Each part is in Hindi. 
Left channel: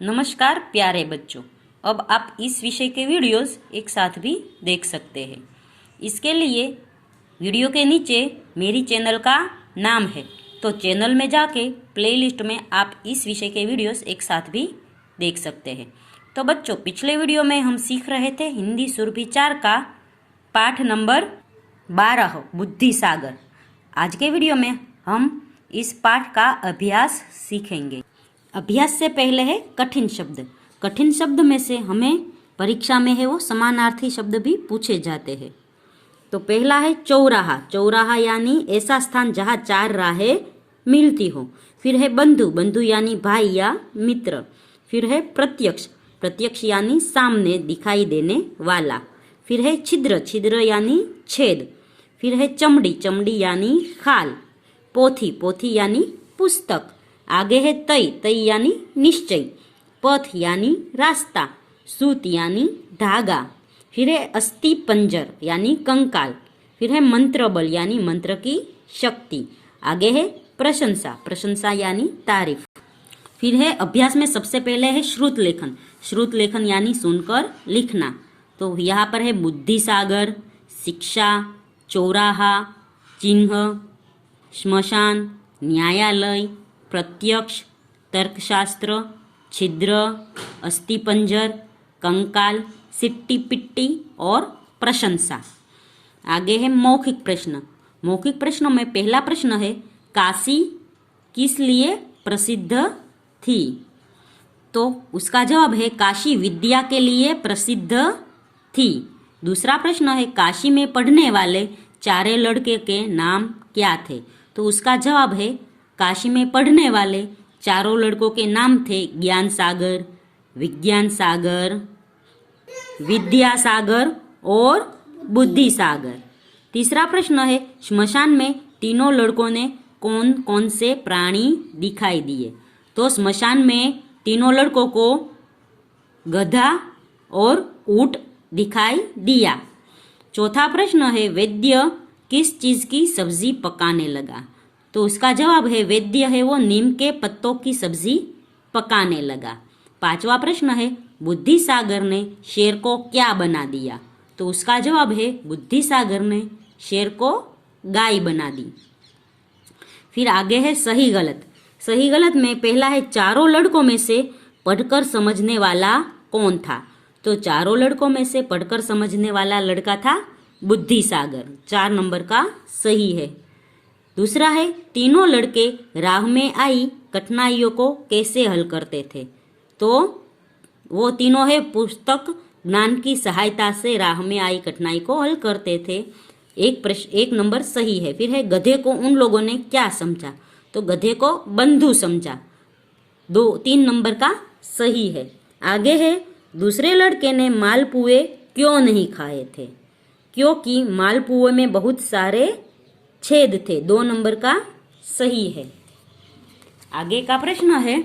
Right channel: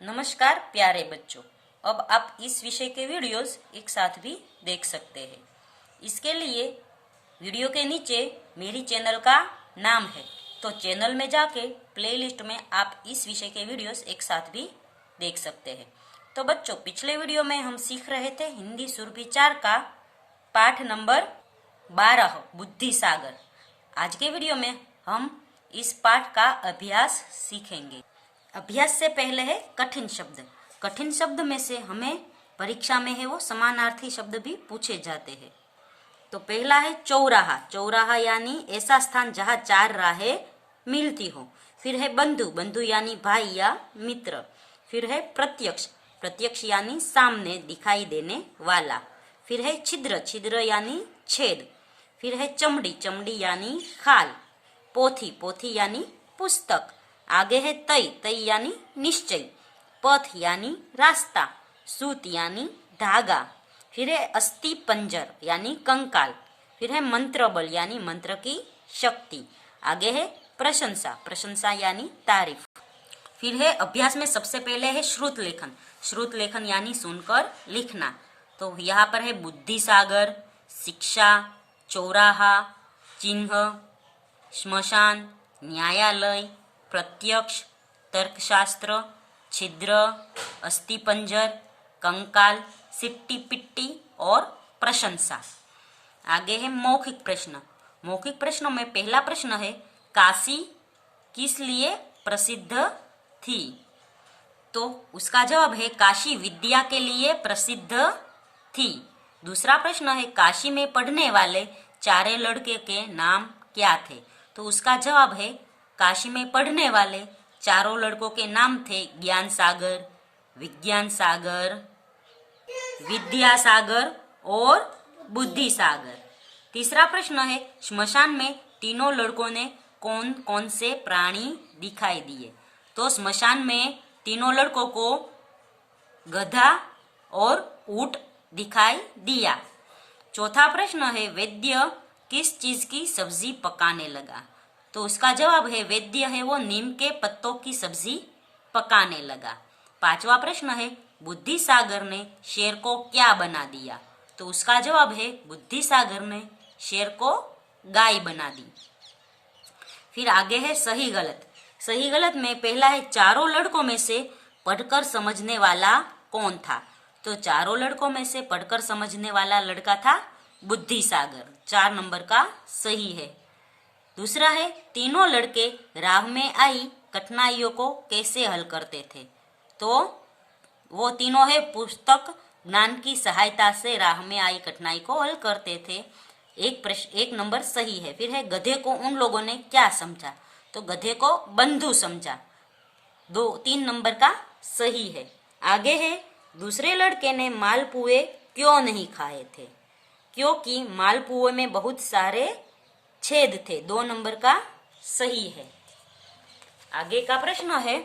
नमस्कार प्यारे बच्चों, अब आप इस विषय के वीडियोस एक साथ भी देख सकते हैं। इसके लिए वीडियो के नीचे मेरी चैनल का नाम है, तो चैनल में जाके प्लेलिस्ट में आप इस विषय के वीडियोस एक साथ भी देख सकते हैं। तो बच्चों, पिछले वीडियो में हम सीख रहे थे हिंदी सुरभि 4 का पाठ नंबर 12 बुद्धि सागर। आज के वीडियो में हम इस पाठ का अभ्यास सीखेंगे। अभ्यास से पहले है कठिन शब्द। कठिन शब्द में से हमें परीक्षा में है वो समानार्थी शब्द भी पूछे जाते हैं। तो पहला है चौराहा। चौराहा यानी ऐसा स्थान जहाँ 4 राहें मिलती हो। फिर है बंधु। बंधु यानी भाई या मित्र। फिर है प्रत्यक्ष। प्रत्यक्ष यानी सामने दिखाई देने वाला। फिर है छिद्र। छिद्र यानी छेद। फिर है चमड़ी। चमड़ी यानी खाल। पोथी। पोथी यानी पुस्तक। आगे है तय। तय यानी निश्चय। पथ यानी रास्ता। सूत यानी धागा। फिर है अस्थि पंजर यानी कंकाल। फिर है मंत्र बल यानी मंत्र की शक्ति। आगे है प्रशंसा। प्रशंसा यानी तारीफ। फिर है अभ्यास में सबसे पहले है श्रुत लेखन। श्रुत लेखन यानी सुनकर लिखना। तो यहाँ पर है बुद्धि सागर, शिक्षा, चौराहा, चिन्ह, श्मशान, न्यायालय, प्रत्यक्ष, तर्कशास्त्र, छिद्र, अस्थिपंजर, कंकाल, सिट्टी पिट्टी और प्रशंसा। आगे है मौखिक प्रश्न। मौखिक प्रश्नों में पहला प्रश्न है काशी किस लिए प्रसिद्ध थी? तो उसका जवाब है काशी विद्या के लिए प्रसिद्ध थी। दूसरा प्रश्न है काशी में पढ़ने वाले 4 लड़के के नाम क्या थे? तो उसका जवाब है काशी में पढ़ने वाले 4 लड़कों के नाम थे ज्ञान सागर, विज्ञान सागर, विद्या सागर और बुद्धि सागर। तीसरा प्रश्न है श्मशान में तीनों लड़कों ने कौन कौन से प्राणी दिखाई दिए? तो श्मशान में तीनों लड़कों को गधा और ऊंट दिखाई दिया। चौथा प्रश्न है वैद्य किस चीज की सब्जी पकाने लगा? तो उसका जवाब है वैद्य है वो नीम के पत्तों की सब्जी पकाने लगा। पांचवा प्रश्न है बुद्धि सागर ने शेर को क्या बना दिया? तो उसका जवाब है बुद्धि सागर ने शेर को गाय बना दी। फिर आगे है सही गलत। सही गलत में पहला है 4 लड़कों में से पढ़कर समझने वाला कौन था? तो 4 लड़कों में से पढ़कर समझने वाला लड़का था बुद्धि सागर। 4 नंबर का सही है। दूसरा है तीनों लड़के राह में आई कठिनाइयों को कैसे हल करते थे? तो वो तीनों है पुस्तक ज्ञान की सहायता से राह में आई कठिनाई को हल करते थे। एक नंबर सही है। फिर है गधे को उन लोगों ने क्या समझा? तो गधे को बंधु समझा। 3 नंबर का सही है। आगे है दूसरे लड़के ने मालपुए क्यों नहीं खाए थे? क्योंकि मालपुए में बहुत सारे छेद थे। 2 नंबर का सही है। आगे का प्रश्न है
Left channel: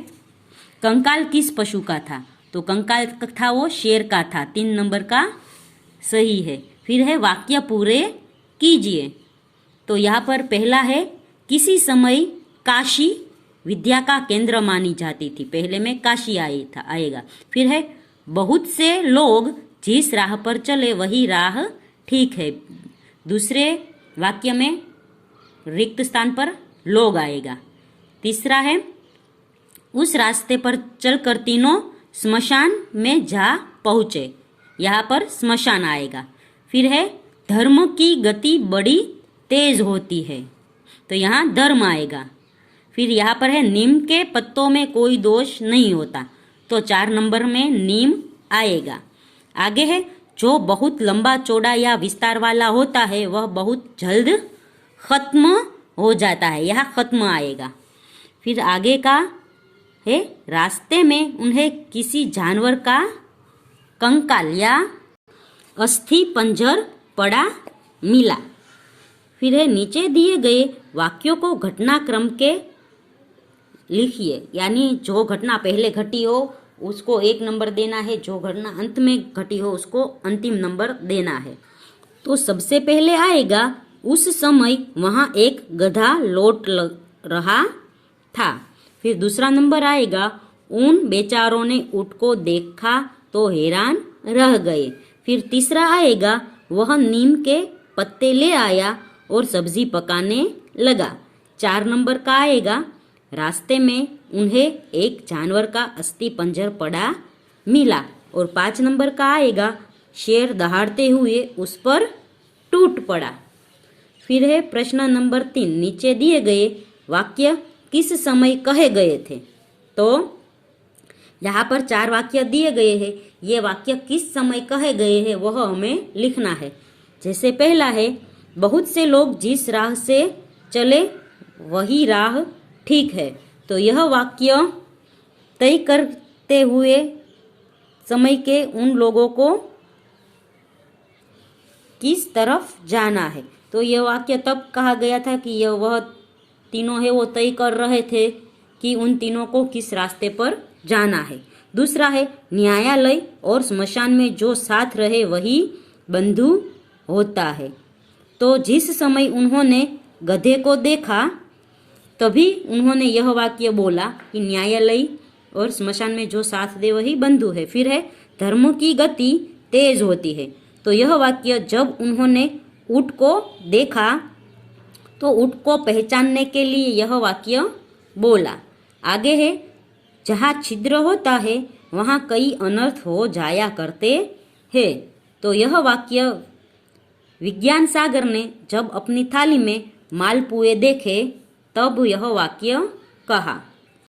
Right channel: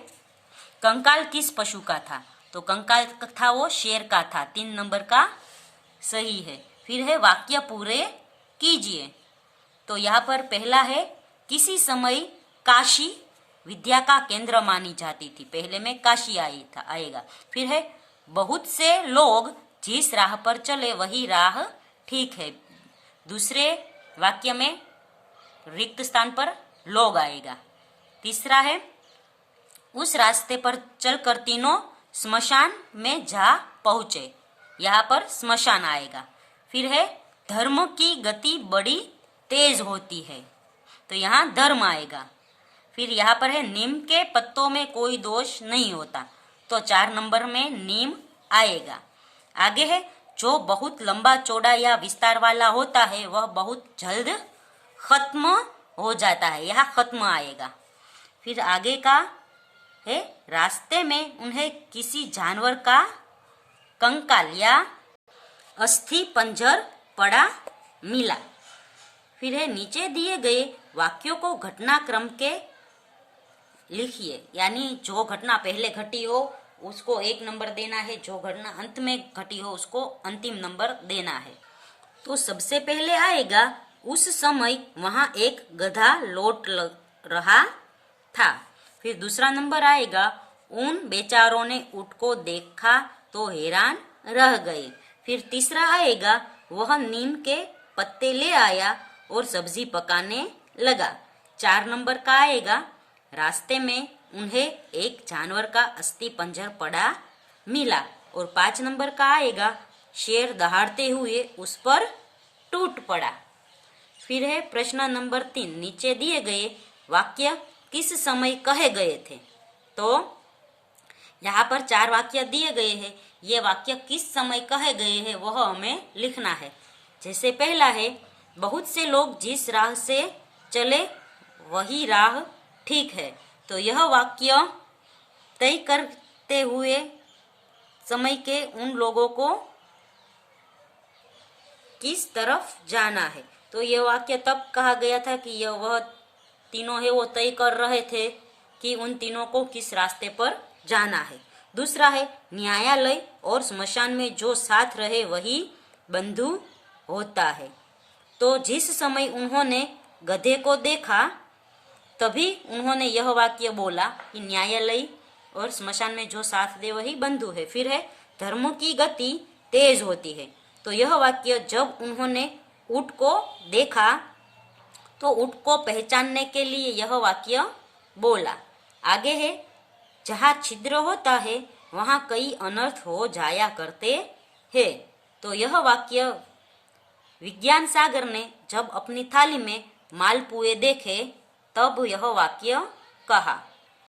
कंकाल किस पशु का था? तो कंकाल था वो शेर का था। 3 नंबर का सही है। फिर है वाक्य पूरे कीजिए। तो यहाँ पर पहला है किसी समय काशी विद्या का केंद्र मानी जाती थी। पहले में काशी आएगा। फिर है बहुत से लोग जिस राह पर चले वही राह ठीक है। दूसरे वाक्य में रिक्त स्थान पर लोग आएगा। तीसरा है उस रास्ते पर चलकर तीनों स्मशान में जा पहुंचे। यहाँ पर स्मशान आएगा। फिर है धर्म की गति बड़ी तेज होती है। तो यहाँ धर्म आएगा। फिर यहाँ पर है नीम के पत्तों में कोई दोष नहीं होता। तो 4 नंबर में नीम आएगा। आगे है जो बहुत लंबा चौड़ा या विस्तार वाला होता है वह बहुत जल्द खत्म हो जाता है। यहाँ खत्म आएगा। फिर आगे का है रास्ते में उन्हें किसी जानवर का कंकाल या अस्थि पंजर पड़ा मिला। फिर है नीचे दिए गए वाक्यों को घटनाक्रम के लिखिए। यानी जो घटना पहले घटी हो उसको 1 नंबर देना है, जो घटना अंत में घटी हो उसको अंतिम नंबर देना है। तो सबसे पहले आएगा उस समय वहां एक गधा लौट रहा था। फिर दूसरा नंबर आएगा उन बेचारों ने ऊँट को देखा तो हैरान रह गए। फिर तीसरा आएगा, वह नीम के पत्ते ले आया और सब्जी पकाने लगा। 4 नंबर का आएगा, रास्ते में उन्हें एक जानवर का अस्थि पंजर पड़ा मिला। और 5 नंबर का आएगा, शेर दहाड़ते हुए उस पर टूट पड़ा। फिर है प्रश्न नंबर 3, नीचे दिए गए वाक्य किस समय कहे गए थे। तो यहाँ पर 4 वाक्य दिए गए हैं, ये वाक्य किस समय कहे गए हैं वह हमें लिखना है। जैसे पहला है, बहुत से लोग जिस राह से चले वही राह ठीक है। तो यह वाक्य तय करते हुए समय के उन लोगों को किस तरफ जाना है। तो यह वाक्य तब कहा गया था कि यह वह तीनों है वो तय कर रहे थे कि उन तीनों को किस रास्ते पर जाना है। दूसरा है, न्यायालय और स्मशान में जो साथ रहे वही बंधु होता है। तो जिस समय उन्होंने गधे को देखा तभी उन्होंने यह वाक्य बोला कि न्यायालय और स्मशान में जो साथ दे वही बंधु है। फिर है, धर्म की गति तेज होती है। तो यह वाक्य जब उन्होंने ऊँट को देखा तो ऊँट को पहचानने के लिए यह वाक्य बोला। आगे है, जहाँ छिद्र होता है वहाँ कई अनर्थ हो जाया करते हैं। तो यह वाक्य विज्ञान सागर ने जब अपनी थाली में मालपुए देखे तब यह वाक्य कहा।